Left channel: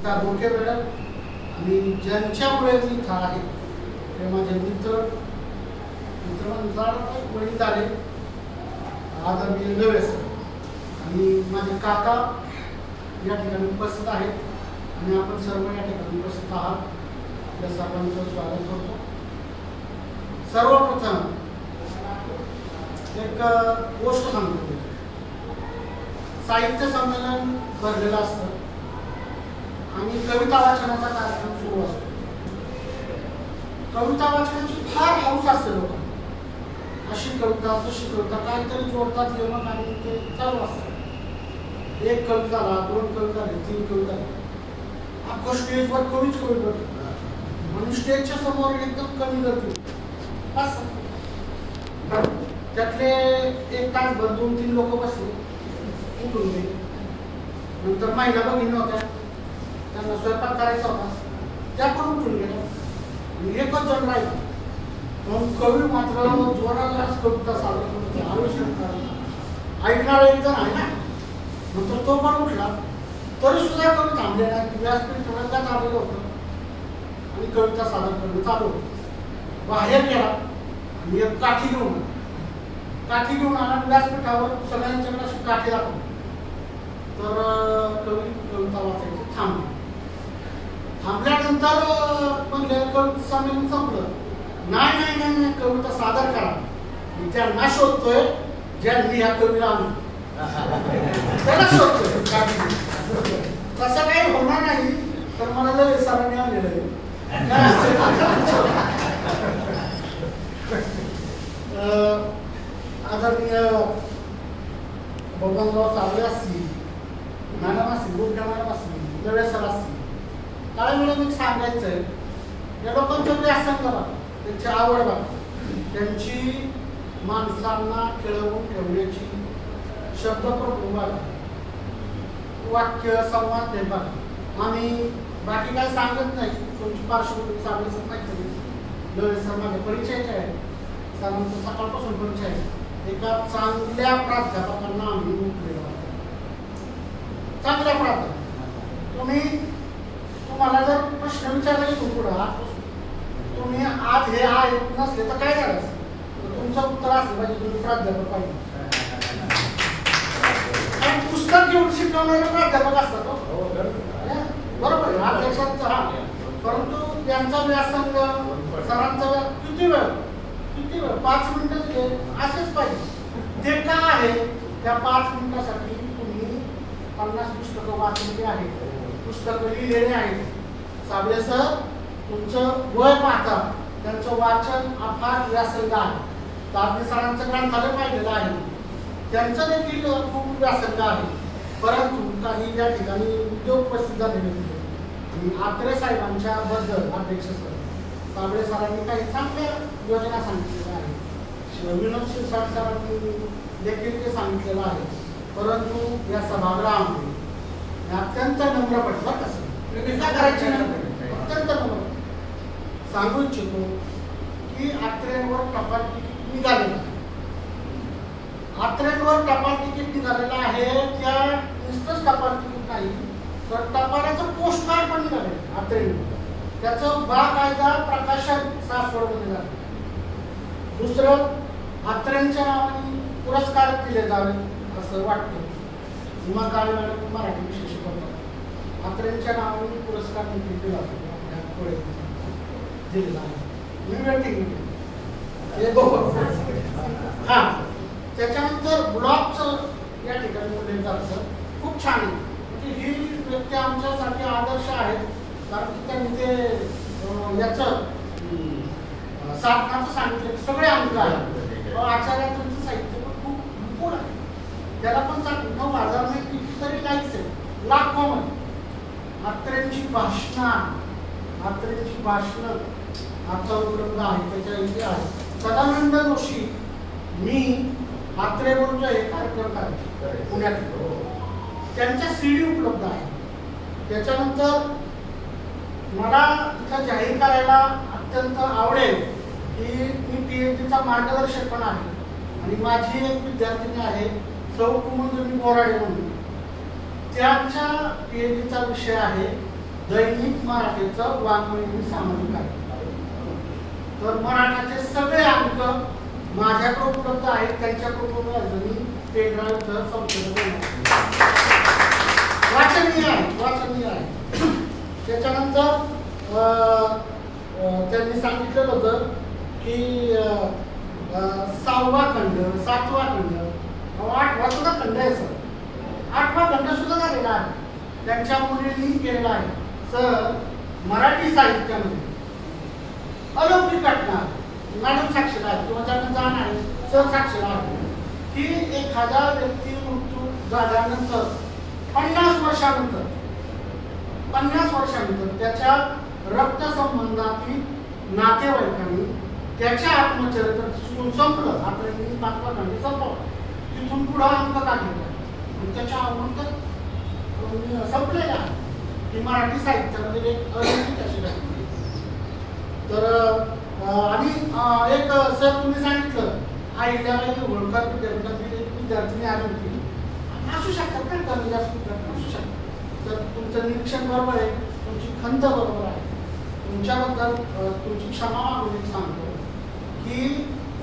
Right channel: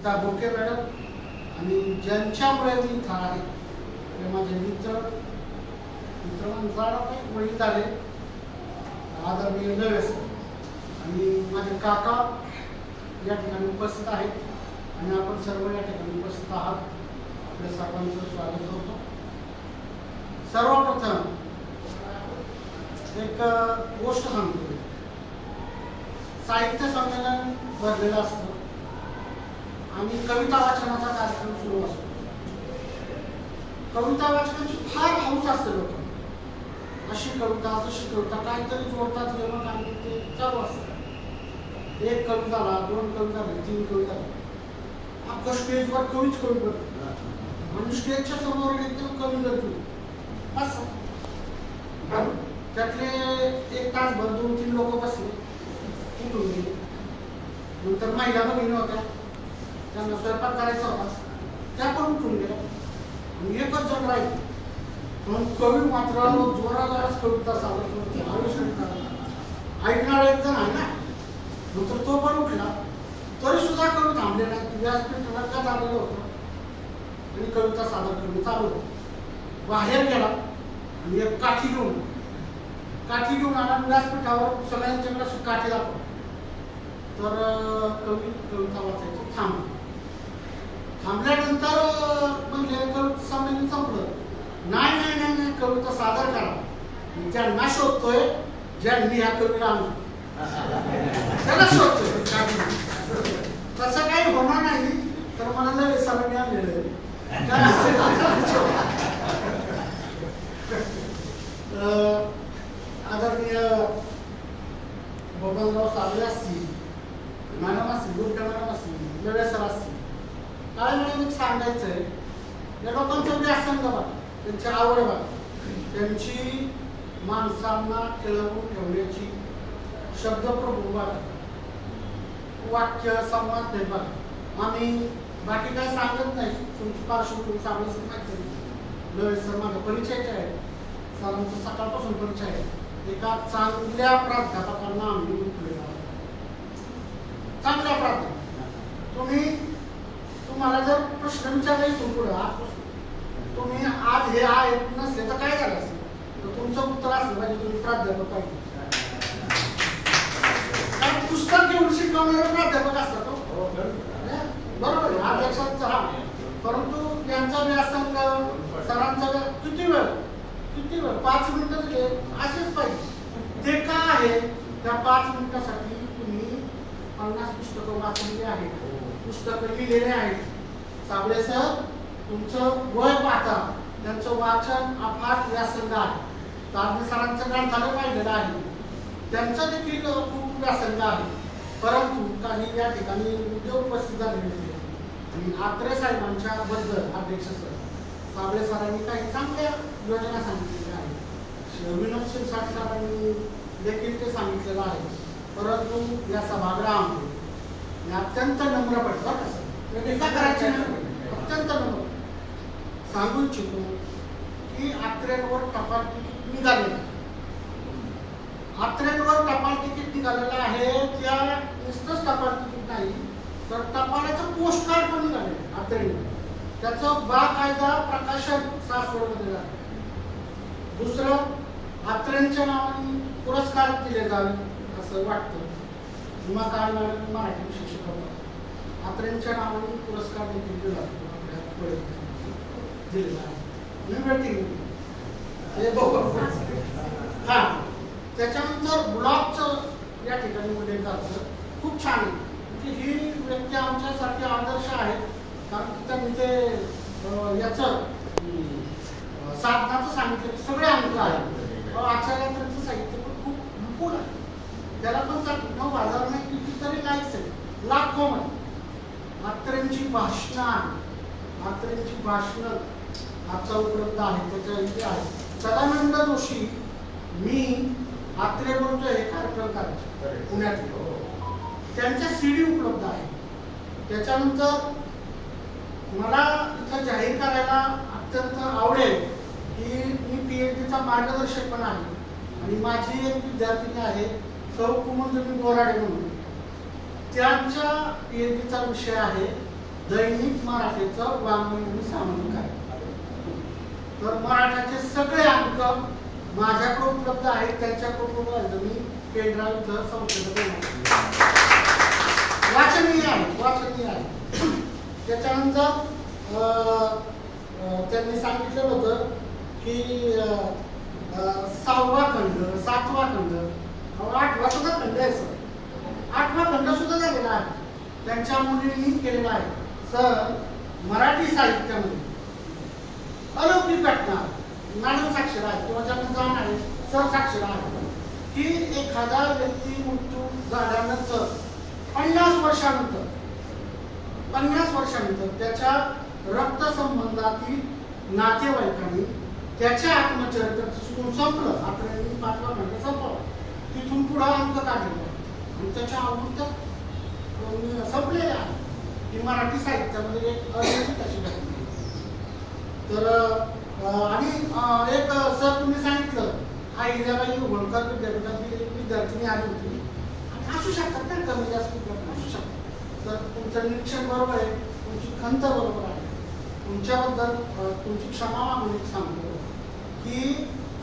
गीता बोके मॅडम आणि ज्यांच्यामुळे मी इथं आहे ते माझे मित्र वडील झाले आदरणीय नवे सर आणि माझे काका या ठिकाणी उपस्थित आहेत आणि आपण सर्व या ठिकाणी उपस्थित आहात. आपल्या सर्वांचं स्वागत करतो. सर्वप्रथम एक गोष्ट सांगतो. साहित्य संमेलन भरलेलं असतं आणि कविता वाचनाचा कार्यक्रम सुरू असतो. कविता वाचनाची फार हौस असते लोकांना. अशी कविता तशी कविता काहीतरी जोडतात यमक आणि ते चालू असतं. एक कविता झाला, दोन कविता झाली, तीन कविता झाली. अख्खं स्टेजवर कवीच कवी करतो आणि स्टेजच्या समोर एकदम कमी करतो असं. त्यातले एक तासभर 2-3 लोक बसले, उठून गेले. नंतर महिला भगिनी होत्या, त्यांना स्वयंपाक करायचा होता, त्या पण उठून गेल्या. एकच जण राहिला. म्हणून कवी मात्र जोरालाच कविता सादर आविष्कार करतो. ऐकणारा एक जण आहे ना, नंतर तो पण उठला. तरी सुद्धा कवी थांबले नाही. व्यासपीठ रंगात आलेलं होतं आणि कविता सादर करणं चालू होतं. बाहेर गेला आणि एक काठी घेऊन आला. व्यासपीठावर सगळ्यांच्याकडे अशी काठी दाखवली. तर कवी कविता वाचायची थांबल्यानंतर म्हणजे कविता संमेलन संपलं. नाही कविता सादर करा. ज्यांना शोधतोय, ज्यांनी ह्या कवीला आणलं त्याला शोधतोय. तसं काही होणार नाही. तर मला लय सरांनी आणलेलं आहे. आदरणीय बबनराव साबळे असतील, मॅडम असतील, गुडघे मॅडम असतील, नवे सर असतील, काय मला एक सांगायचं आहे. या लोकांचं व्यासंग बघा, त्यांची आवड बघा, त्यांची माणसांना खेळवून ठेवण्याची शब्दप्रभू बघा, वाक्य संवाद ते बघा. आम्ही बाकी काही सांगत नाही. तुमची पार्श्वभूमी साबळे सर माहिती नाही, नवे सर माझ्या परिचयाचे आहे, सरांचा सकाळपासून परिचय आहे. एका चांगल्या प्राध्यापकांना आम्ही उठलेलो आहे. चांगल्या प्राध्यापक. तुम्हाला जर प्रश्न विचारला इथून पुढं तुम्ही आज हे आहेत नसले तर काय झालं असं, तर तुमचं उत्तर असलं पाहिजे तुम्ही प्राध्यापक पाहिजे. आणि पुस्तक घेऊन शिकवणारे प्राध्यापक असतात. बरोबर आहे, हा लक्षात राहा. परंतु त्यांचा व्यासंग सरांचा किती वेळ 5 मिनिटं दिले असेच पाहिजे. ते का आहे, त्या 5 मिनिटासाठी तुम्ही 50 पुस्तकं वाचलेली आहेत, पुस्तकं लिहिलेली आहेत. साबळे सर तुमचं वय पाहता त्यांचं वाचन अफाट व्यासंग आहे. ताबडे सरांचं ग्रंथालय पाहिलेलं आहे, त्यांचं देखील खूप व्यासंग आहे. परंतु काही या ठिकाणी उद्योग उपस्थित झालेले होते आणि आत्रे साहेबांच्या बद्दल अध्यक्ष सर साबळे सरांनी काही चांगल्या योजना सांगितलेल्या आहेत. विनोद शिरसाट सरांनी देखील ते सांगितलेलं आहे. परंतु या सभागृहामध्ये अत्यंत नम्रपणे करायची अत्यंत नम्र सांगू इच्छितो की आत्रेंवर टपाल तिकीट निघालेलं आहे. आत्रेंवर टपाल तिकीट निघालेलं आहे. त्या नुसतंच टपाल तिकीट नाही तर टपालाचं पोस्ट कार्ड पण निघालेलं आत्रेंवर. त्याचं बाकायदा प्रकाशन सासवडमध्ये झालं. दुसरं, आत्रेंच्या नावाने पुरस्कार दिले जावे असं वाटतं. उमा काळे मॅडम मराठी विषय शिकवतात. आत्रेंच्या नावाने पुरस्कार देखील दिला आपल्या पुढे दिलेला आहे. हा, त्याच्यानंतर ब्लॉगचं या ठिकाणी उल्लेख झालं खूप छान आहे. म्हणजे ही व्यक्ती आमच्यासाठी आदर्श आहेत. कारण की त्यांनी ते याचं साधनाचं सांगितलं सगळे अंक आहेत. आचार्यांचं साहित्य पण खूप विपुल आहे. त्याला पण 9,000 नाही कितीतरी लाईक्स आहे, लाखोमध्ये. आत्रेंची भाषणं आता उपलब्ध आहे, त्याच्या इथे आहे. सदानंद जोशी मी आत्रे बोलतोय हे कार्यक्रम करायचे पुण्यात, त्यांच्या CD उपलब्ध आहे. त्याच्यानंतर मला इथं जाहीर करायला अत्यंत आवडेल की मी PhDचा मार्गदर्शक पण आहे आणि माझी एक विद्यार्थिनी आहे सौ कुमुंजनी बोराडे म्हणून. त्यांच्या PhDचा विषय आहे दैनिक मराठीचं वाङ्मय आणि सामाजिक आहे. तर मराठाचे सगळे अंक माझ्याकडे उपलब्ध आहेत, त्यांच्याकडे उपलब्ध आहेत. मी पेनड्राईव्ह संशोधन वाचनीय आहे. त्याच्यानंतर त्यांनी सांगितलेलं होतं की 6वा खंड, 7वा खंड, 8वा सुद्धा खंड आहे सर. 8वा खंड सुद्धा झालेला आहे, त्यांच्या मुलींनी केलेला आहे. सर मराठी साहित्यामध्ये अलौकिक घटना मॅडम साक्षर आहे किंवा ज्यांना जाण आहे सर साक्षर आहे की एखादा व्यक्ती मृत्यू झाल्यानंतर 50 वर्षानंतर त्याच्या रक्तसंबंधातील नातेवाईकांनी त्याच्या आत्मचरित्र संपलं. आपल्याला 5वा खंड संपवलं, तिथून पुढे अंक काढलेला आणि त्याच्या आवडत संपलेला आहे की मराठी साहित्यामध्ये एक अलौकिक अशी घटना. तर आणि एक सर तुम्ही सांगितलं अहिल्याबाई होळकर विद्यापीठातील एक विद्यार्थिनी आली होती. असू शकतात ना कमी जास्त असू शकतात. तर तुमचं निरीक्षण बरोबर आहे, तुमची खंत बरोबर आहे. तुमच्याबद्दल तुमची क्षमा मागून एक सांगतो की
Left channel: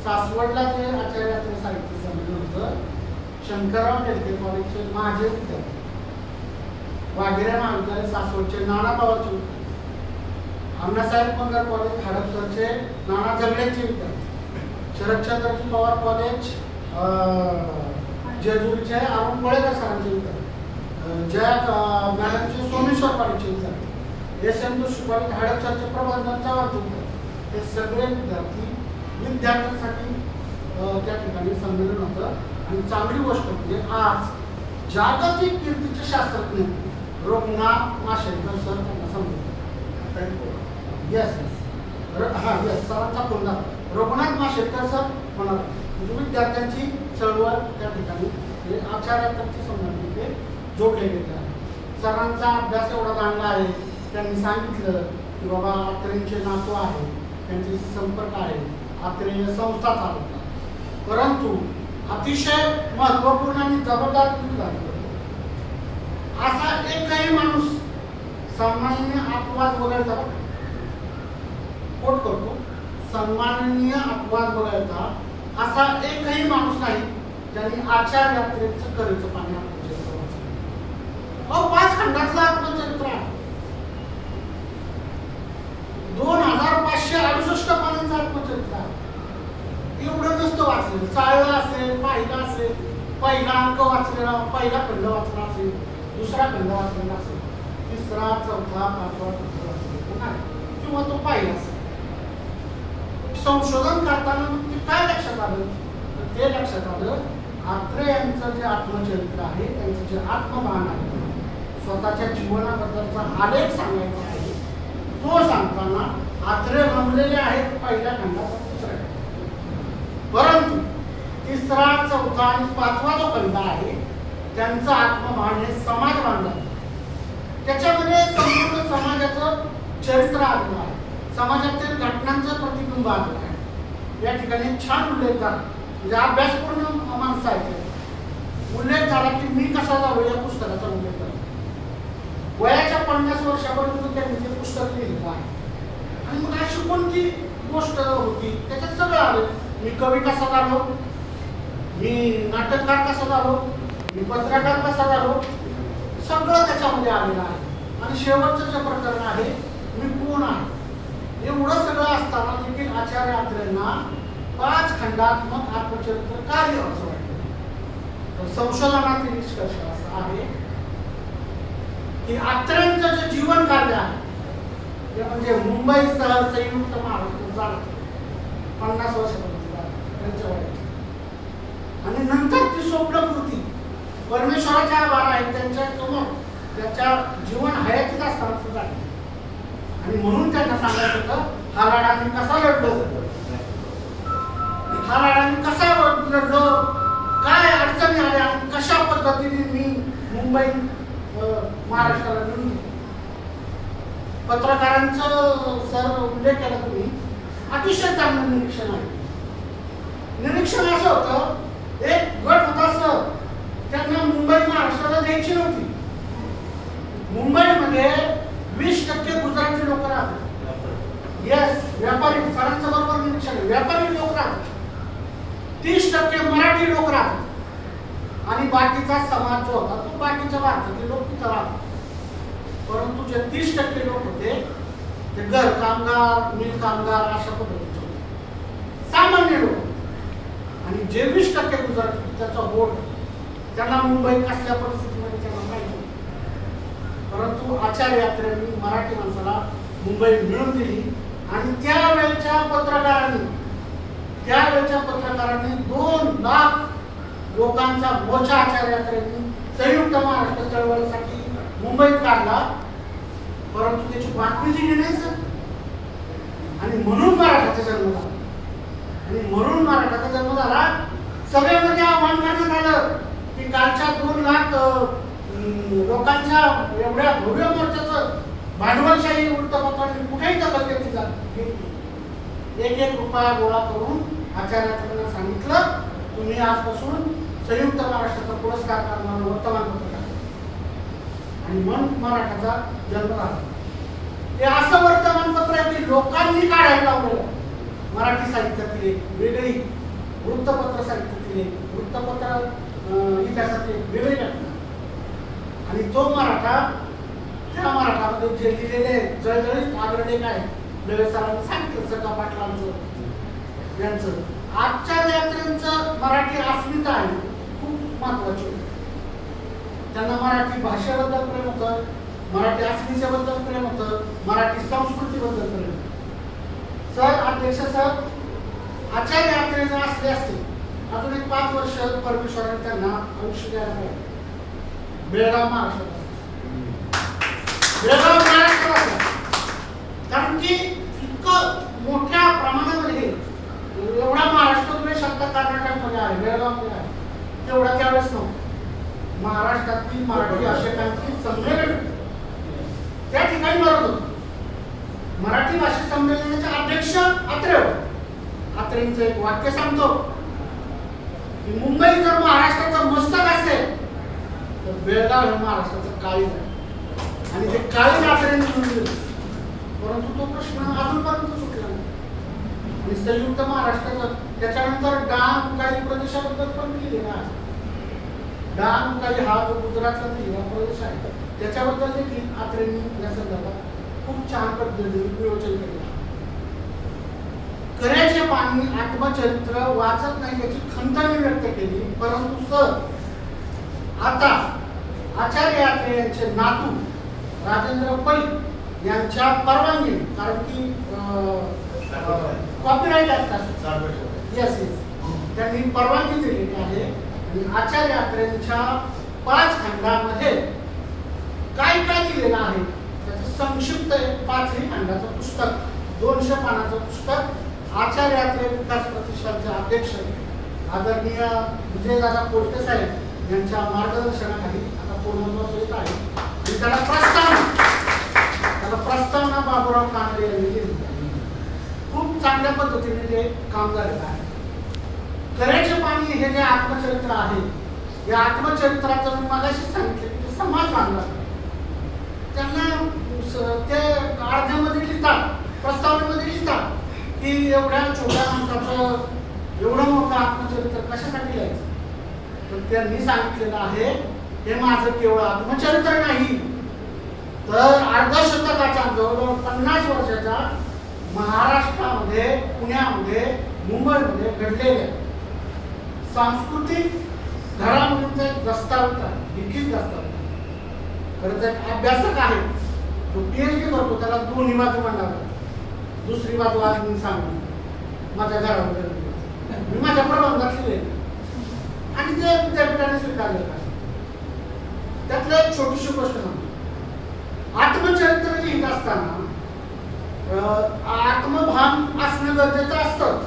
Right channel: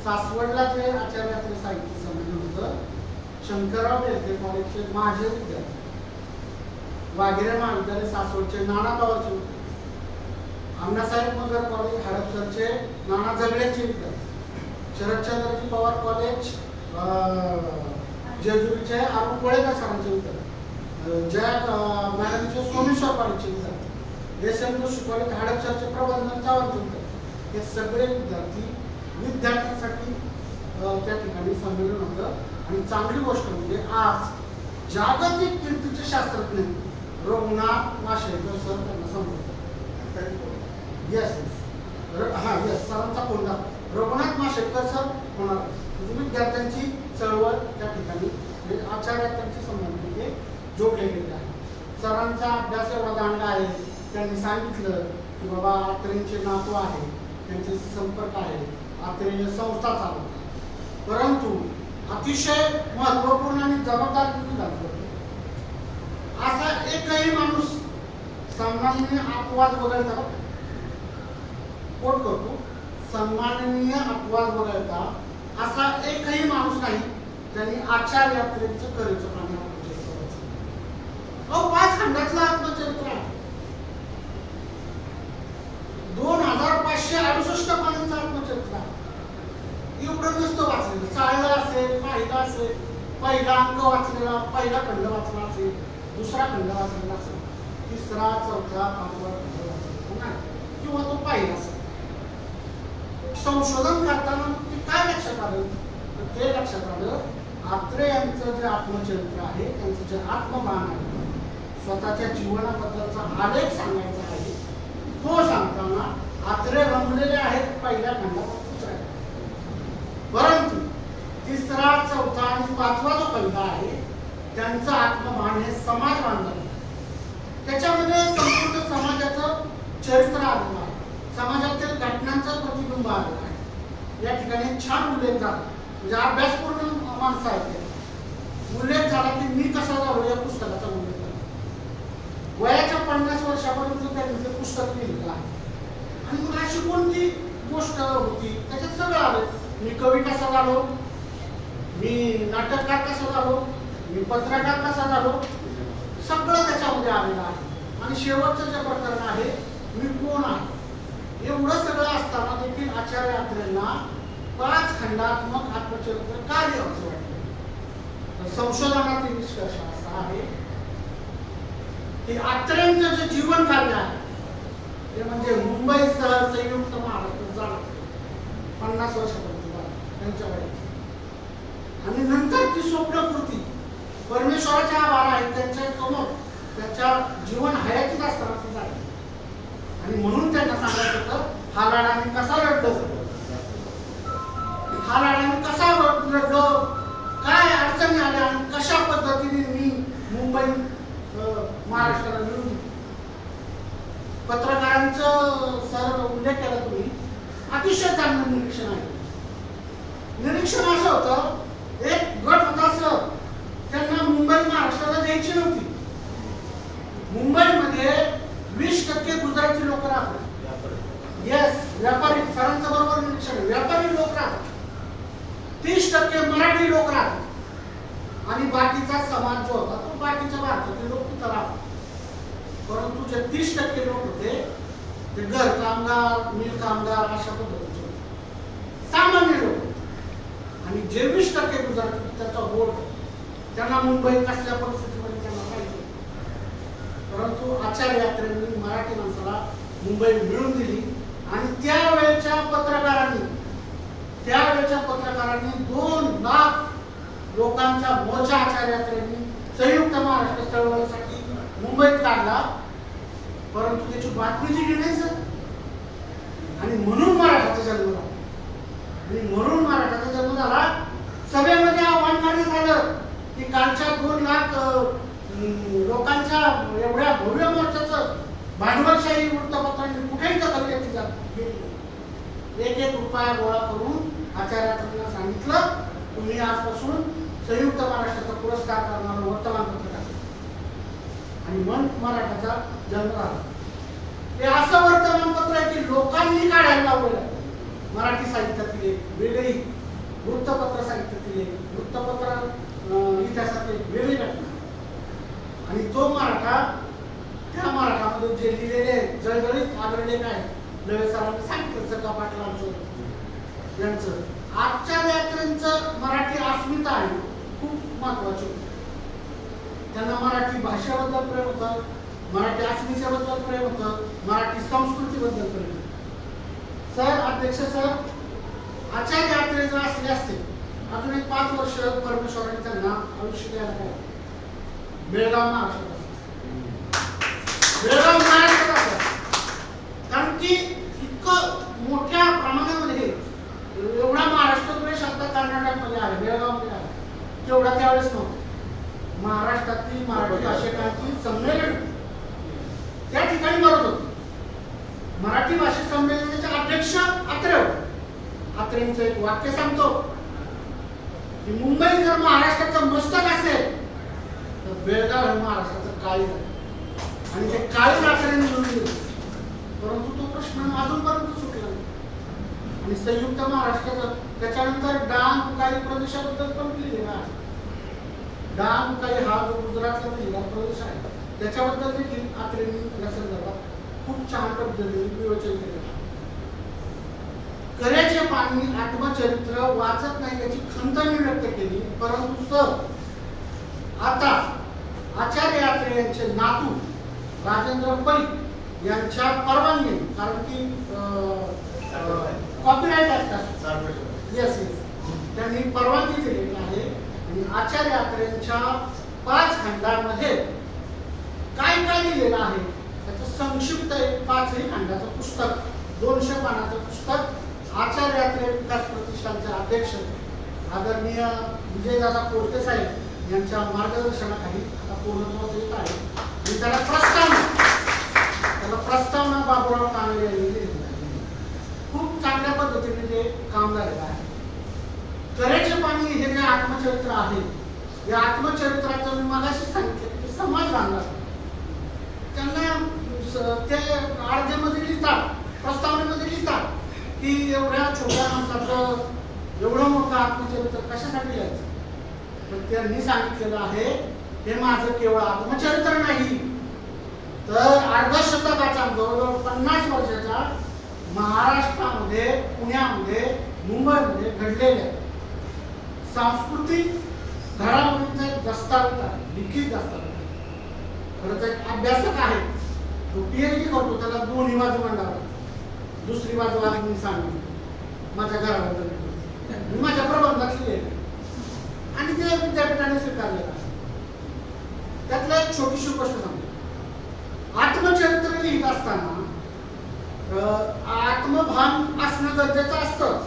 सासवडला जे आचार्य साहित्य संमेलन होतं, शंकरराव डेलके कॉलेजचे माझे विद्यार्थी, वाघेरे महाविद्यालय सासवडचे नाना पवारचे विद्यार्थी, अण्णासाहेब मगर कॉलेज हडपसरचे नाना झगड्याचे विद्यार्थी, शरदचंद्रजी पवार कॉलेज जेजुरीचे अरुण कोळेकर सरांचे विद्यार्थी, जया मॅडमचे सोमेश्वर कॉलेजचे विद्यार्थी, एस.एम. जोशी कॉलेज हडपसरचे प्रबंधन चावरचे विद्यार्थी, हे सगळे विद्यार्थ्यांसाठी त्या ठिकाणी संमेलन होतं. आणि चांगली गोष्ट म्हणजे आज जागतिक कीर्तीचे शास्त्रज्ञ रघुनाथ माशेलकर सर त्यांना संबोधतात. येस सरांचा फोन झाला. रघुनाथ माशेलकर सर होणार म्हणजे विद्यार्थ्यांची चळवळ त्या ठिकाणी आचार्यांची संबंधित ते जोडले गेले आहे. सरांचा अभ्यास एवढा चांगला आहे, त्यांनी सांगितलं की बाबा आत्रेंचे नातू आहे, त्यांचे संपर्क आहे, आत्रेय संस्था चालवतात. परंतु अतिशय महत्वपूर्ण आणि जबाबदार असा एकही माणूस सन्माननीय अपवाद वगळता कोट करतो, सन्माननीय अपवाद वगळता असा एकही माणूस नाही त्यांनी आचार्य यात्रेचं करेचं पाणी आत्मचरित्र वाचलं. 5 खंडातलं आत्मचरित्र आहे, 2568 पानांचं आत्मचरित्र आहे. एवढं नसतं वाचलेलं, चाळलं असेल, पाहिलं असेल, पहिला अंक वाचलेला, पहिला खंड वाचला असेल, दुसरा खंड वाचलेला असेल, तिसरा, चौथा, 5वा खंड वाचलेला नाही किंवा तो पाहिला असेल. संशोधन करताना ते काय लक्षात आलं, तर ते लक्षात आलं आत्रे यांचं जे आत्मचरित्र आहे, त्यांचं जे आत्मभान आहे, स्वतःच्या जीवनाबद्दलचा आलेख सांगायचा आहे, तो सांगताना आत्रे रमलेले आहेत पहिल्या खंडाचा दुसऱ्या. परंतु तिसरा, चौथा आणि 5वा जो खंड आहे त्यांचं आत्मभान हे समाज बांधलं, त्याच्यामध्ये संपूर्ण समाजाचं चरित्र आलेलं आहे, समाजातील घटनांचं प्रतिबिंब आलेलं आहे. या ठिकाणी छान उल्लेख झाला, म्हणजे अभ्यासपूर्ण माणसं आहेत. उल्लेख झाला की मी कसा झालो या पुस्तकाचा उल्लेख झाला. वयाच्या 50 वर्षापर्यंत त्यांनी ते पुस्तक लिहिलं आहे. आणि मग अशी कोणती गोष्ट होती त्याच्यात सगळं आलं. मी कवी कसा झालो, मी नाटककार कसा झालो, मी पत्रकार कसा झालो, सगळं त्याच्यामध्ये आलेलं आहे. आणि शेवटचं जे प्रकरण आहे मी कोण आहे, एवढं सगळं असताना देखील आचार्य यात्रेंना 5 खंडात्मक आत्मचरित्र कार्य असं वाटतं. संशोधनातील निष्कर्ष असा आहे की आत्रेंचं जे जीवन कार्य आहे ते म्हणजे मुंबईसह संयुक्त महाराष्ट्र झालं 50 वर्षापर्यंत त्यांच्या वयाची. आणि नंतर ती स्वप्नपूर्ती परमेश्वराच्या आभार आहेत त्यांच्या समोर त्याच्या जीवन हयातीत असताना सुद्धा आहे. आणि म्हणून त्यांना सांगायचं होतं हा लढा मी कसा लढलो, हा लढा मी कसा लढलो, काय अडचणी आल्या आणि कशा पद्धतीने मी मुंबई महाराष्ट्राला मिळून दिली. पत्रकारांचं सर उल्लेख केला तुम्ही, अतिशय चांगलं निरीक्षण आहे. निरीक्षण असं होतं एक गट होता सर, त्यांना मुंबई महाराष्ट्राला द्यायची नव्हती. मुंबईमध्ये 20 20% मराठी लोक राहतात आणि बाकीचा समाज जो होता तो बाकीच्या भारतातले लोक तिथं राहतात. परंतु जे 30% लोक होते ते घर कामगार, मिल कामगार अशा पद्धतीचे होते, सामान्य लोक. आणि जे 20% गुजरात त्याचा वोट, त्यांना मुंबई कसल्या परिस्थितीमध्ये त्यांना माहिती होतं. परंतु आचार्य यात्रेंनी मराठी माणसाला मुंबई मिळवून दिली. आणि त्यावेळेच्या पत्रकारांनी 2 लाख लोकांचा मोर्चा आचार्य यात्रेंनी संयुक्त महाराष्ट्र चळवळीसाठी मुंबईत काढला. परंतु त्याची बातमी दिली नाही सर. आणि म्हणून मराठाचा जन्म झाला. आणि म्हणून मराठाचा जन्म झाला. सभेमध्ये आव्हान करण्यात आलं की कालच्या 2 लाख लोकांच्या एवढ्या भव्य मोर्चाचं भांडवलशाही वृत्तपत्रांनी कुठेही दखल घेतली जात. 1-1 रुपया गोळा करून आचार्यांना सांगितलं तुम्ही आजपासून संयुक्त महाराष्ट्राचा पुरस्कार करणारं वर्तमानपत्र टाका. आणि मन मराठाचा जन्म झाला. हे असं वर्तमानपत्र आहे की लोकांनी काढायला लावलेलं आहे. मराठी साहित्यातील एक वेगळी, वृत्तपत्र साहित्यातील एक, वृत्तपत्र इतिहासातील एक वेगळी घटना. आणि तो मराठा, त्या मराठामध्ये जे लिहिलेले जळजळीत आग्रलेख आहे, नवे सरांनी सांगितलं, सगळा पाटलांचं यांचं, आजच्या यात्रेंचं मराठी अस्मिता आहे खूप महत्वाची होती. त्यांना मराठी भाषेबद्दल प्रेम होतं, मराठी अस्मितेबद्दल प्रेम होतं, मराठी संस्कृतीबद्दल प्रेम होतं. सर, अध्यक्ष सर, आचार्य यात्रे जर असले असते अजून एक 5 वर्ष परमेश्वराने त्यांना आयुष्य द्यायला पाहिजे. बेळगाव महाराष्ट्रात, बेळगाव महाराष्ट्रात, कारण की इतकं मोठ्या प्रमाणामध्ये एवढा महाराष्ट्र तुझ्या शब्द कर्नाटकमध्ये आहे, बेळगावमध्ये आहे, तेवढा त्यावेळेस नव्हतं. महाराष्ट्रातील मराठी भाषिकांची संमेलन त्या ठिकाणी भरत होतं. मराठी भाषिक संमेलनाचे अध्यक्ष अत्रे होते. अत्रेंचं एक वाक्य सांगतो की मुंबई जर महाराष्ट्राचं मस्तक असेल तर बेळगाव हे महाराष्ट्राचं काळीज आहे. आणि ते काळीज अत्रेंनी निवडून दिलं. परंतु तो प्रश्न अजूनपर्यंत सुटला नाही. आणि संयुक्त महाराष्ट्राचं त्याच्यानंतर डांग काही प्रदेशाबद्दल पण लिहिलेला आहे. डांग काही हा जो गुजरातला लिहिला प्रदेश आहे त्याच्याबद्दल देखील अत्रेंनी या संदर्भात खूप छान पद्धतीने नियोजन केलं. कऱ्याचे पाणी आत्मचरित्र वाचत नाही याची खंत मी व्यक्त केली. परंतु सर, आता आचार्य यात्रे यांचे नातू राजेंद्र पै यांच्या परवानगीने, कारण की कॉपीराईट असतात, येस, त्यांनी परवानगी दिलेली आहे. आणि आचार्य यात्रेंच्या 5 खंडामध्ये काय काय लिहिलेलं आहे त्याचं संक्षिप्त एक 5ही खंडाचं पुस्तक, 200 पानाचं पुस्तक आचार्य यात्रे विकास प्रतिष्ठानचे अध्यक्ष आदरणीय विजयदादा कोलते साहेब यांच्या मार्गदर्शनाखाली आता पूर्णत्वास येत आहे. आणि त्याला प्रस्तावना बाबूराव कांबळे यांनी दिली. खूप चांगल्या पद्धतीने ते काम झालेलं आहे. कऱ्याचे पाणी हे जे आत्मचरित्र आहे, या आत्मचरित्राचं मी मगाशी सांगितलं की समाज बांधला त्यांना ते अर्ध्यामध्ये लिहितात, प्रस्तावनेमध्ये लिहितात की एवढ्या छोट्या माणसाचं एवढं मोठं आत्मचरित्र कशासाठी लिहायचं. पण त्यांनी सांगितलेलं आहे हे माझं केवळ आत्मचरित्र नाही, तर अर्धशतकाच्या जवळजवळ 50 वर्षाच्या महाराष्ट्रामध्ये, पुण्यामध्ये, मुंबईमध्ये घडलेल्या सांस्कृतिक घडामोडींचा एक दस्तावेज आहे, लिखित दस्तावेज. खरंच एक अभ्यासक आहे जो PhD करतो त्याला 2 बाजू मांडाव्या. दुसरी बाजू आज मी सांगितली माझ्या घराबद्दल, मी माझ्या प्रबंधात लिहिले आणि ते विद्यापीठाने स्वीकारलेलं आहे. त्यातलं एक छोटीशी गोष्ट सांगतो. आत्मचरित्र लिहित असताना आत्मभान असणं गरजेचं असतंच,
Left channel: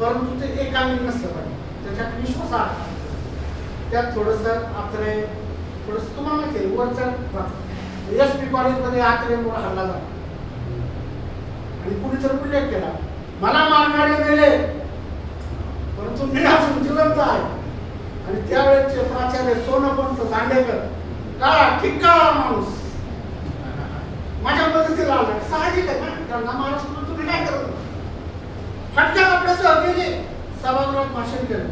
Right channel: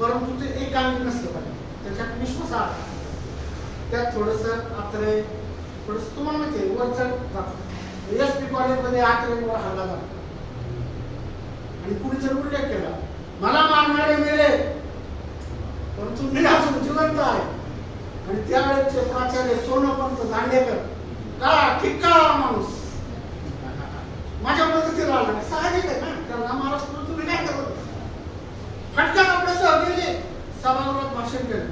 परंतु ते एकांगी नसतं पाहिजे, त्याच्यात विश्वास आहे. त्यात थोडंसं आत्रे, थोडंसं तुम्हाला माहिती आहे वरचं SP कॉलेजमध्ये आत्रेंवर हल्ला झाला आणि कुणी जर उल्लेख केला मला मारणारे गेले परंतु मी अजून जिवंत आहे. आणि त्यावेळेचे प्राचार्य सोनपंत दांडेकर, काळा ठिक्का माणूस, माझ्या मदतीला आला. साहजिक आहे ना, त्यांना महाराष्ट्र तुम्ही काय करत फटका आपल्यासह गेले, सभागृहात भाषण केलं.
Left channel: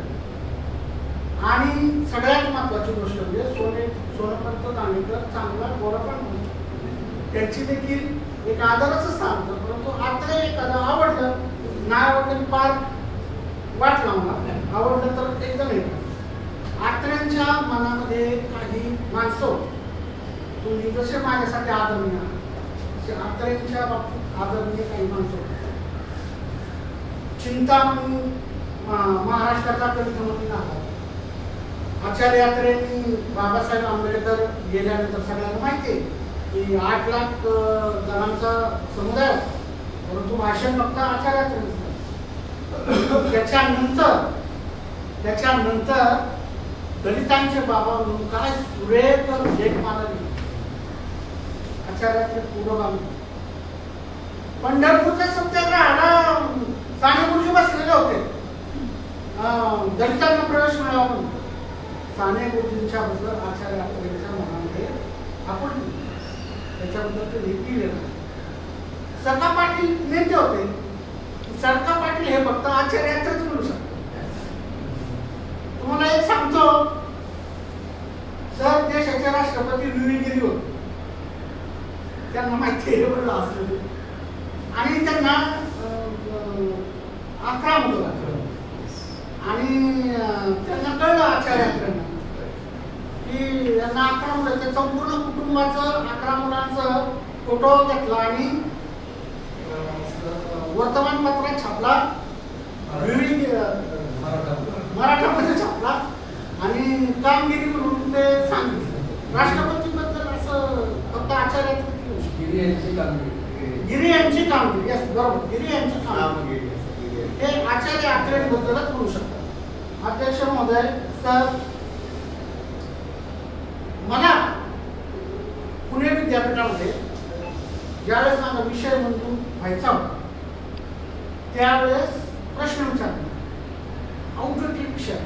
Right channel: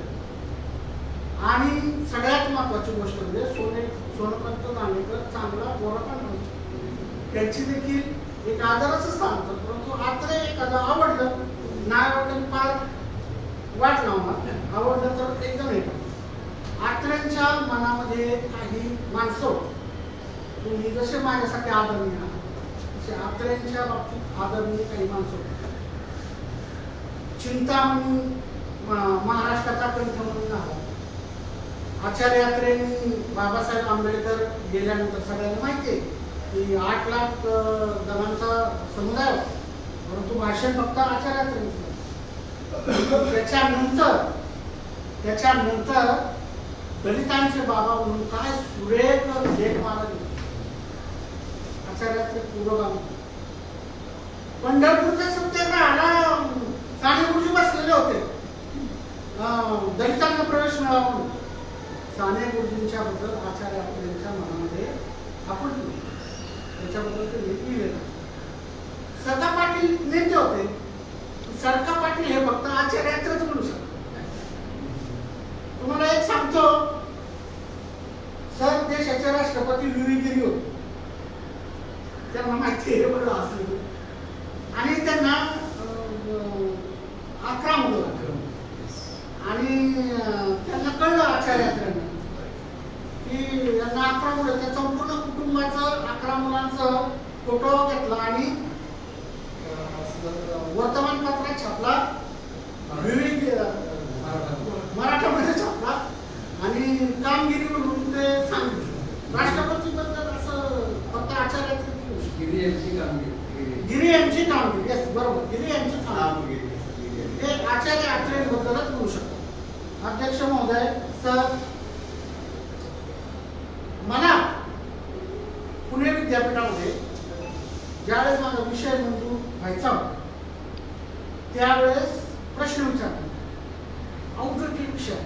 आणि सगळ्यात महत्वाची गोष्ट म्हणजे सोनपंत नाणेकर चांगला गोरा पण होता. त्यांची देखील एक आदराचं स्थान होतं. परंतु आत्रे एखादं आवडलं नाही आवडलं की फार वाट लावणार, आवडलं तर एकदम एक आत्र्यांच्या मनामध्ये काही माणसं, तुम्ही जसे माझ्यासाठी आदरणीय तसे आत्र्यांच्या बाबतीत आदरणीय काही माणसं. चिंतामणी महाराष्ट्राचा कंठमणी झाला. आचार्य यात्रेंनी बाबासाहेब आंबेडकर गेल्यानंतर सगळ्यांना माहिती आहे की 8 लाख जणांचा समुदाय, परंतु भाषण फक्त आचार्य यात्रेचं. त्याच्यानंतर दलितांचे बाबा म्हणून काय सुरेख लेख मारले आचार्य यात्रे पूर्व बांधले. पंढरपूरच्या सत्याग्रहाला साने गुरुजी बसलेले होते दलितांना प्रवेश मिळावा म्हणून. साने गुरुजींच्या बद्दल आचार्य यात्रेच्या मनामध्ये आपण त्याच्याबद्दल ते लिहिलेलं. सरका पाटील नेते होते. सरका पाटील हे फक्त आचार्य यात्रेच म्हणू शकतो. तुम्हाला एक सांगतो, सर देशाचे राष्ट्रपती व्ही गिरी होते. त्यांना माहिती आहे बरोबर असलं आणि त्यांना 11 मुलं आणि त्यांना कळलं आचार्य यात्रेंना की यांना 11 मुलं. त्या संपूर्ण कुटुंबाचं 11 मुलांचं फोटो घेतला आणि वर्तमानपत्रात छापला, मराठामध्ये छापला आणि कामगिरी म्हणून ते सांगितलं. राष्ट्रपतीबद्दल असं फक्त आचार्य गिरी यांची कामगिरी, यस बरोबर, गिरी यांची कामगिरी हे आचार्य यात्रेबद्दलच म्हणू शकतात. अध्यक्ष महोदय, सर मला पुणे विद्यापीठामध्ये ज्यावेळेस माझा विषय मंजूर व्हायचा होता त्यावेळेस प्रश्न विचारले, औद्योगिक विषय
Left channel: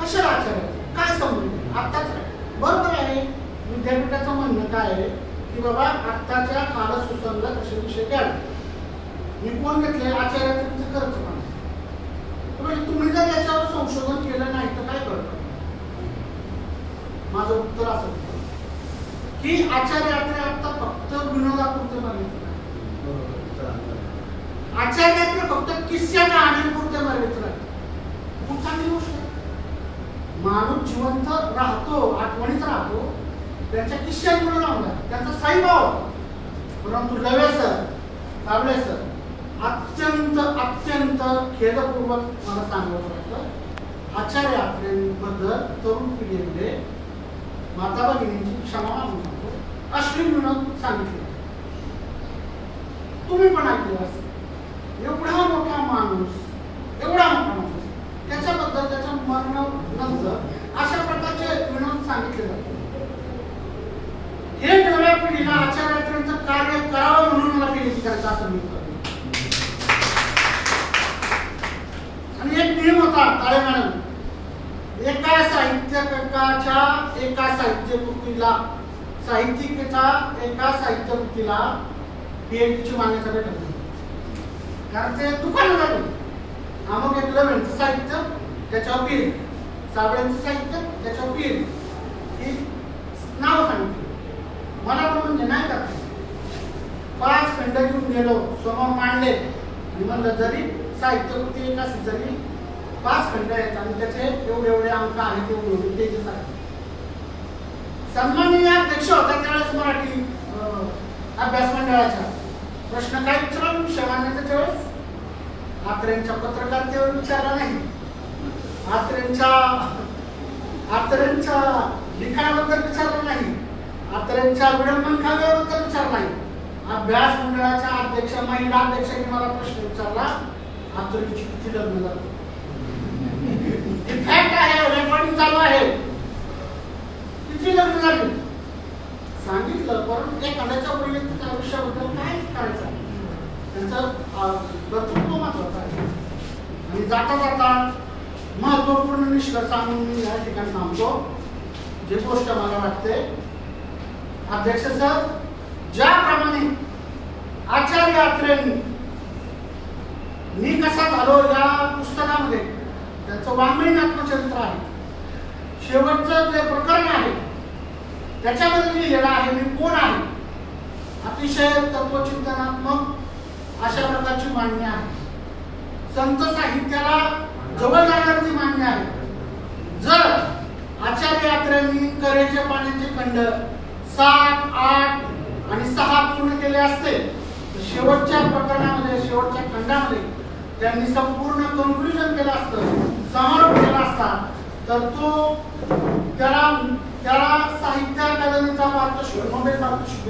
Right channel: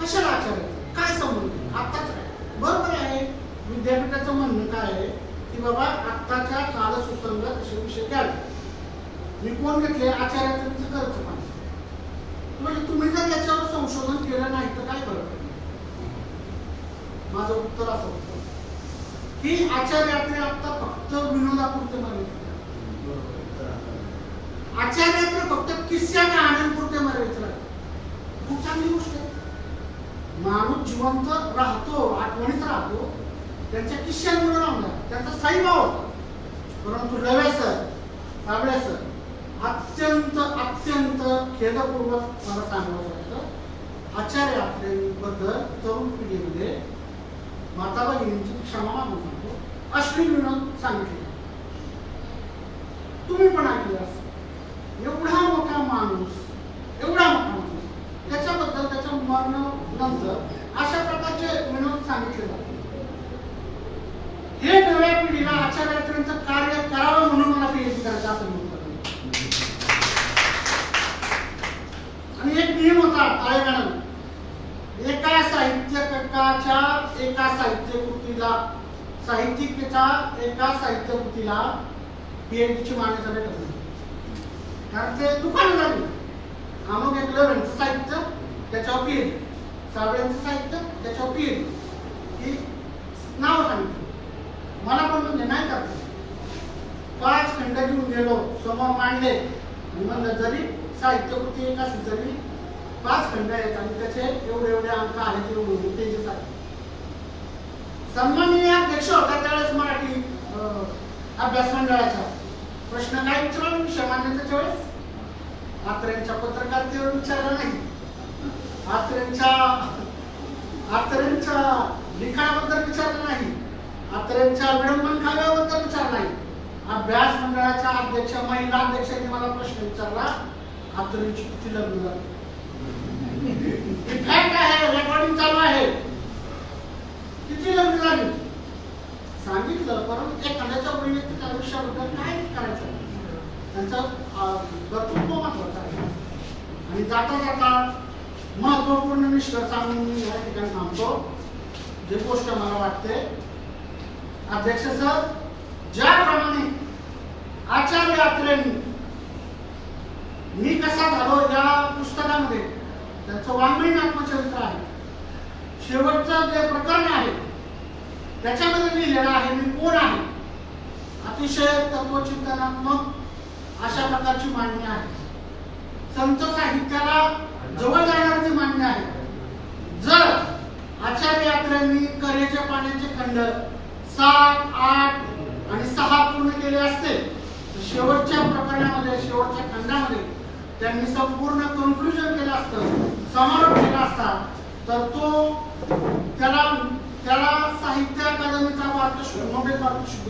कशाला आचार्य काय समजून आत्ताच काय बरोबर आहे. विद्यापीठाचं म्हणणं काय आहे की बाबा आत्ताच्या कालसुसंगत असे विषय घ्यावे. मी कोण घेतले आचार्य यात्रेचं खर्च पण म्हणजे तुम्ही जर याच्यावर संशोधन केलं नाही तर काय करत. माझं उत्तर असं होतं की आचार्य यात्रे आता फक्त विनोदापुरते मर्यादित, आचार्य यात्रे फक्त किस्सा कहाण्यांपुरते मर्यादित राहते. खूप चांगली गोष्ट आहे. माणूस जिवंत राहतो, आठवणीत राहतो, त्यांच्या किस्स्यांमुळे राहणार, त्यांचा साईभाव होता. परंतु डवे सर, कांबळे सर अत्यंत खेदपूर्वक मला सांगावं वाटतं आचार्य यात्रेबद्दल तरुण पिढीमध्ये माता भगिनींची क्षमा मागून सांगतो, अश्लील विनोद सांगितले. तुम्ही पण ऐकलं असं. एवढा मोठा माणूस त्याच्याबद्दल त्याच्या मरणानंतर अशा प्रकारचे विनोद सांगितले जातात. हे नव्या पिढीला आचार्य यात्रेचं कार्य करावं म्हणून मला पीएचडी करायचं असं मिळतं. आणि एक नियम होता काळे मॅडम, एका साहित्यकृतीला पीएचडीची मान्यता भेटत नाही. कारण ते दुकान झाले. अमुक एकलव्यांचं साहित्य त्याच्यावर पीर, साबळ्यांचं साहित्य त्याच्यावर पीर ही नाव सांगितलं. मला पण म्हणजे नाही करते. 5 खंड घेऊन गेलो, समोर मांडले आणि म्हणलं जरी साहित्यकृती एक असेल जरी 5 खंड आहेत आणि त्याचे एवढे अंक आहेत एवढे त्याचे साहित्य. सन्माननीय अध्यक्ष होता त्यावेळेस मराठी अभ्यास मंडळाचा प्रश्न काय विचारला विषय मान्यतेच्या वेळेस आत्र्यांच्या पत्रकारितेवर विचारला नाही, आत्र्यांच्या लिखाणाबद्दल विचारला नाही, आत्र्यांच्या विडंबन काव्याबद्दल विचारला नाही. अभ्यास मंडळाच्या अध्यक्ष महिला अध्यक्षांनी मला प्रश्न विचारला, आत्रेंची किती लग्न झाली. फॅक्ट आहे, रेकॉर्डिंग चालू आहे, किती लग्न झाली सांगितलं. परंतु एखाद्याच्या वैयक्तिक आयुष्याबद्दल काय करायचं, त्यांचं कर्तृत्व महत्वाचं आहे. आणि जाता जाता महत्वपूर्ण निष्कर्ष सांगून मी या ठिकाणी थांबतो. जे गोष्ट मला वाटते, अध्यक्ष सर ज्याप्रमाणे आचार्य यात्रेंनी मी कसा झालो या पुस्तकामध्ये त्यांचं वाङ्मयीन आत्मचरित्र आहे. शेवटचं जे प्रकरण आहे त्याच्यामध्ये लिहिलेलं आहे मी कोण आहे. अतिशय तत्वचिंतनात्मक अशा प्रकारची मांडणी आहे. संत साहित्याला जवळ जाणारी मांडणी आहे. जर आचार्य यात्रेंनी करेच्या पाण्याचे खंड 7, 8 आणि 6 पूर्ण केले असते तर शेवटच्या प्रकरणामध्ये शेवटच्या खंडामध्ये त्यांनी संपूर्ण कन्क्लुजन केलं असतं, समारोप केला असता तर तो त्याला साहित्य अकादमीचा नोबेल पारितोषिक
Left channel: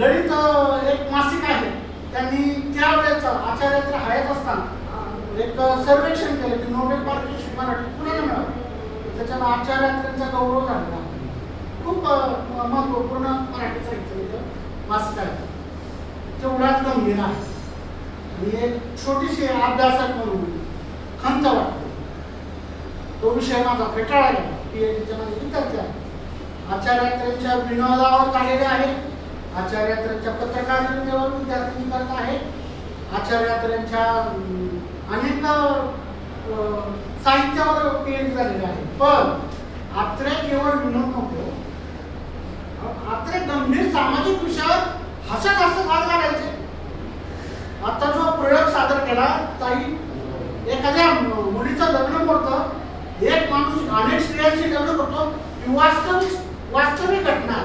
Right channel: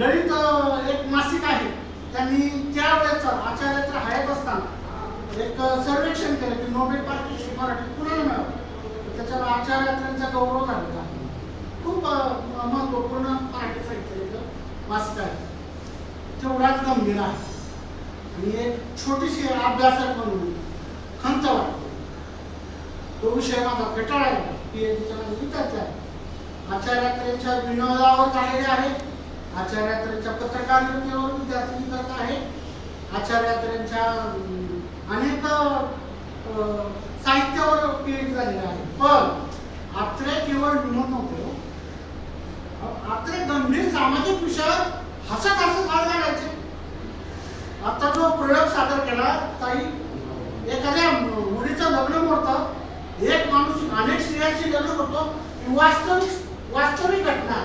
ललित एक मासिक आहे. त्यांनी त्यावेळेस आचार्यात्र हयात असताना एक सर्वेक्षण केलं की नोबेल पारितोषिक मराठी कुणाला मिळालं. त्याच्यावर आचार्यात्र्यांचा गौरव झालेला आहे. खूप महत्वपूर्ण मराठी साहित्य मासिक आहे. तेवढाच गंभीर आहे. आणि एक छोटीशी अभ्यासक म्हणून खंत वाटतो. तो विषय माझा फेटाळायला PhDच्या माझ्या विद्यार्थी आहे. आचार्यात्रेच्या विनोदावर काढलेले आहे. आचार्यात्रेच्या पत्रकारितेवर विद्यार्थी करत आहे. आचार्यात्रेच्या अनेक साहित्यावर PhD झालेले आहे. पण आत्रे केवळ विनोद नव्हते. आत्रे गंभीर सामाजिक विषयावर हसत वाद काढायचे. आता जो प्रयोग सादर केला ताई, एखाद्या मुलीचं लग्न करतं, एक माणूस अनेक स्त्रियांशी लग्न करतो, वास्तविक घटना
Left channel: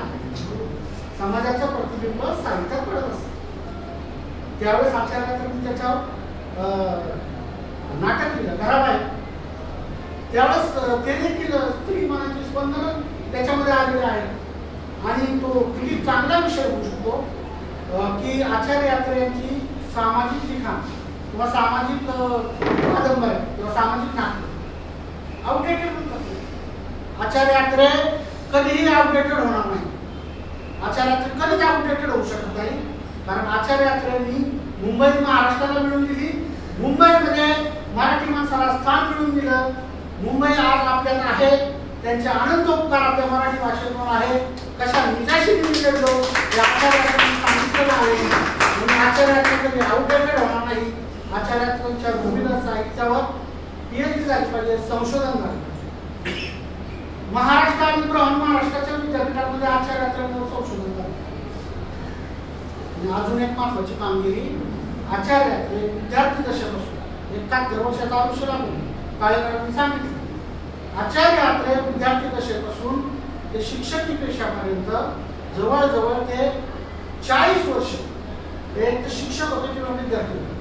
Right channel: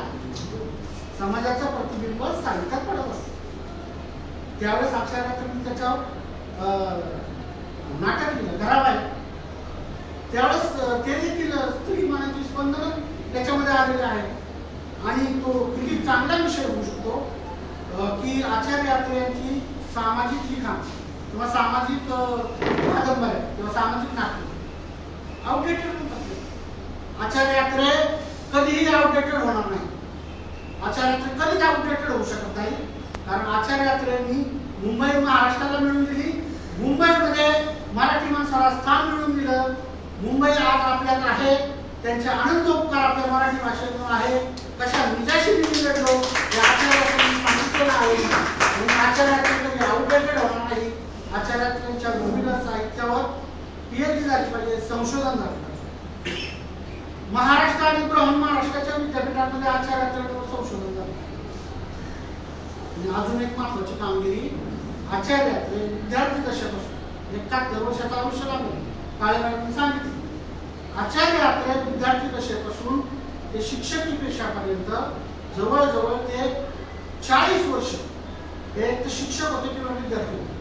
समाजाचं प्रतिबिंब साहित्यात पडत असतं. त्यावेळेस आचार्यात्रे त्याच्यावर नाटक केलं घराबाहेर. त्यावेळेस ते देखील स्त्री मनाची स्पंदन त्याच्यामध्ये आलेले आहे. आणि तो किती चांगला विषय होऊ शकतो की आचार्य यात्रेची सामाजिक लिखाण किंवा सामाजिक कादंबऱ्या किंवा सामाजिक नाटक आउटडेटेड म्हणतात. आचार्य यात्रे कधीही आउटडेटेड होणार नाही. आचार्य यात्रे कधीच आउटडेटेड होऊ शकत नाही. कारण आचार्य यात्रेंनी मुंबई महाराष्ट्राला मिळवून दिली. मुंबईमध्ये मराठी माणसाला स्थान मिळवून दिलं. मुंबई आज आपल्यात आहे. त्यांचे अनंत उपकार आपल्या मराठी भाषेतून आहे. कशा निजाशी लढलो हे आचार्यात्रेंनी सांगितलेलं आहे. म्हणून आचार्यात्रे कधी आउटडेटेड होणार नाही. आचार्यात्रेंच्या विविध साहित्यावर PhD झाली पाहिजे, संशोधन झालं पाहिजे. महाराष्ट्र आणि बृहन महाराष्ट्राच्या विद्यापीठामध्ये आचार्यात्रेंवर संशोधन झालं. अजून एक महत्वाची कामगिरी आचार्यात्रे विद्यार्थी दशेपासून 71 वर्षाचा आयुष्य लागले. काळे मॅडमनी सांगितलं आचार्य यात्रे विद्यार्थी दशेपासून ते शिक्षकी पेशापर्यंत जवळजवळ ते 40 वर्ष एक शिक्षक होते किंवा विद्यार्थी होते.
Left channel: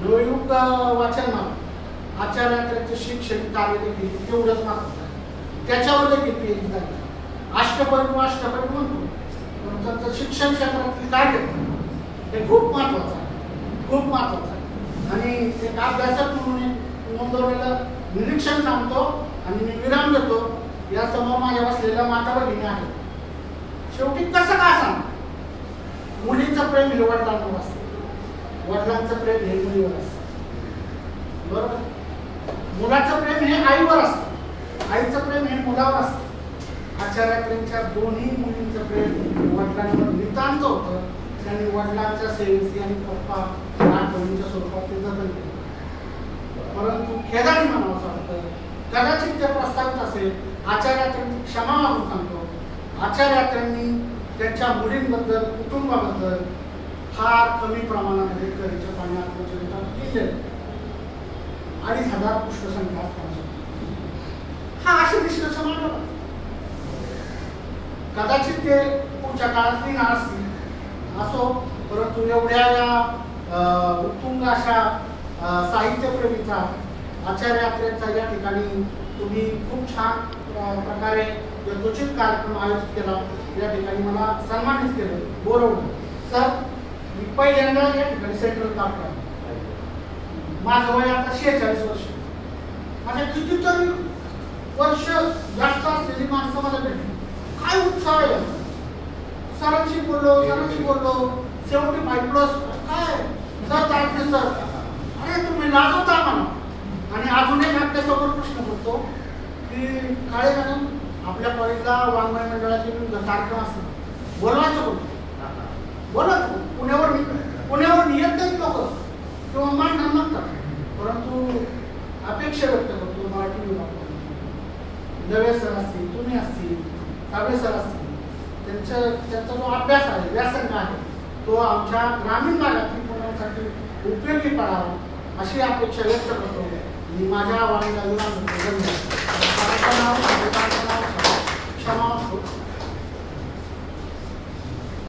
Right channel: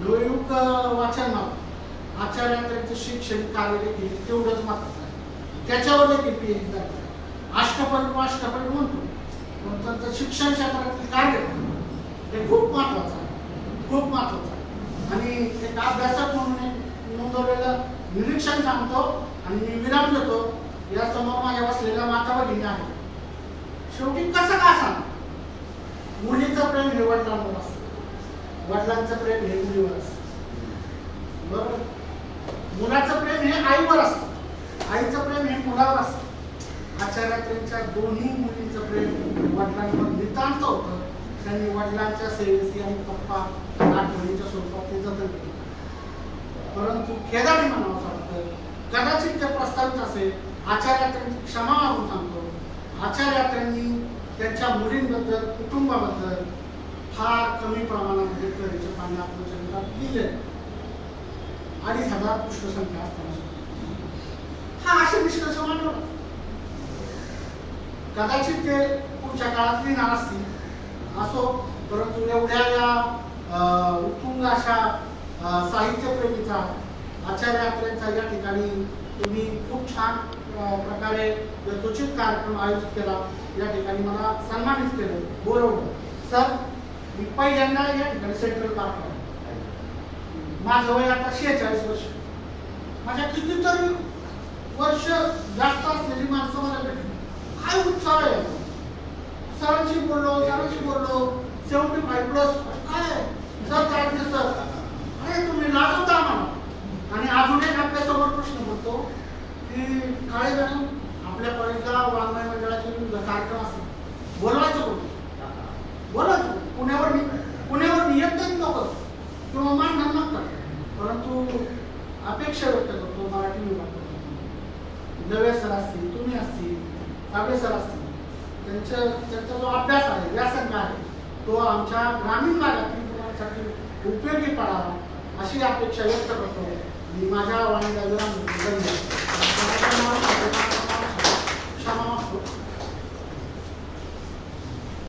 नवयुग वाचनमाला आचार्य यात्रेचे शैक्षणिक कार्य देखील तेवढंच महत्वाचं आहे. त्याच्यावर देखील PhD झाली. अष्टपैलू म्हणतो पण त्यांचं शिक्षण क्षेत्रातील कार्य हे खूप महत्वाचं आहे. खूप महत्वाचं आहे. आणि एक अभ्यासक म्हणून नोंदवलेलं निरीक्षण सांगतो आणि मी विराम देतो. या समोर माझ्या बसलेल्या माता भगिनी आहे. शेवटी कसं का सांग, मुलीचं प्रेम हे वडिलांवर असतं, वडिलांचं प्रेम हे मुलीवर असतं. बरोबर. मुलाचं प्रेम हे आईवर असतं, आईचं प्रेम हे मुलावर असतं. आचार्यात्रेंच्या दोन्ही मुलींचं प्रेम वडिलांवर नितांत होतं. त्यांनी वडिलांच्या सेवेची आणि पप्पा आठवणीच्या स्वरूपात ते जतन केलं. परंतु खेदाने म्हणावं वाटतं कदाचित ते प्रस्तावित असेल. आचार्यात्रेंनी क्षमा मागून सांगतो. आचार्यात्रेंनी त्यांच्या मुलींबद्दल कुटुंबाबद्दल फार कमी प्रमाणामध्ये कलेचे पाणी आत्मचरित्रात लिहिले. 2500 पुष्पसंख्या असताना हा असे निष्कर्ष मांडला. कदाचित ते पुढच्या काळात लिहिणार असतील असो. परंतु एवढ्या या उत्तुंग अशा साहित्यप्रेमीचा आचार्यात्रेंचा या ठिकाणी तुम्ही खूप छान प्रकारे यथोचित कार्यक्रम आयोजित केला. या ठिकाणी मला सन्मानित केलं, बोलवलं. सर मी पहिल्यांदा या ठिकाणी सेंट्रल पार्क आहे. माझं वय आता 46 वर्ष. माझ्या कितीतरी वर्ष जास्त असलेली माणसं मला भेटली. काय उत्साह आहे. सरांशी बोललो 75+ काय सर तारखे सर, अरे तुम्ही लाजवता म्हणा. आणि अजून एक आपल्यासमोर प्रश्न करतो की काळे मॅडम आपल्या कॉलेजला वाङ्मय मंडळाचे विविध कार्यक्रम असतात, बोलवायचं कोण? बोलायचं पुण्यावर नियत लोक किंवा मान म्हणतात. परंतु अपेक्षा व्यक्त करतो मराठी विभाग नवे सर असतील, तुम्ही असतील, साबळे सर असतील, त्यांचा जो अभ्यास आहे, व्यासंग आहे, तो आमच्या ग्रामीण भागातील मुलांसाठी उपयोगी पडावा अशी अपेक्षा व्यक्त करतो. मी माझ्या वाणीला विराम देतो. धन्यवाद. क्षमा